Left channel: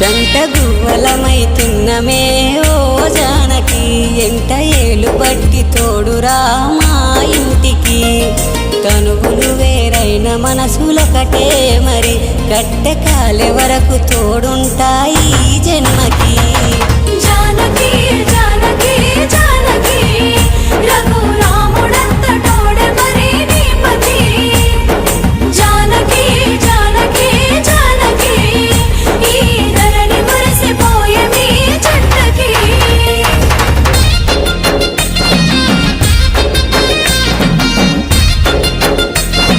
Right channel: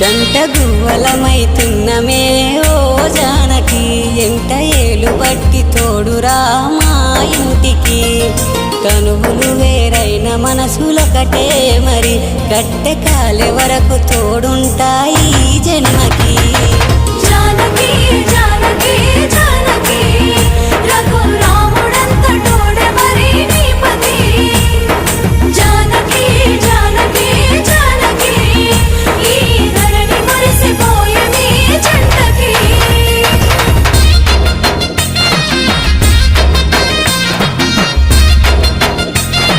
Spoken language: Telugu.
జంట గువ్వలమైతున్నమే ఓ జానకి ఎంట ఏలు బట్టి తోడురా మా ఇంటికి తనువులు వేరైన మనసులొకటే మరి కట్టె కాలే వరకు తోడుంటాయి జన్మకి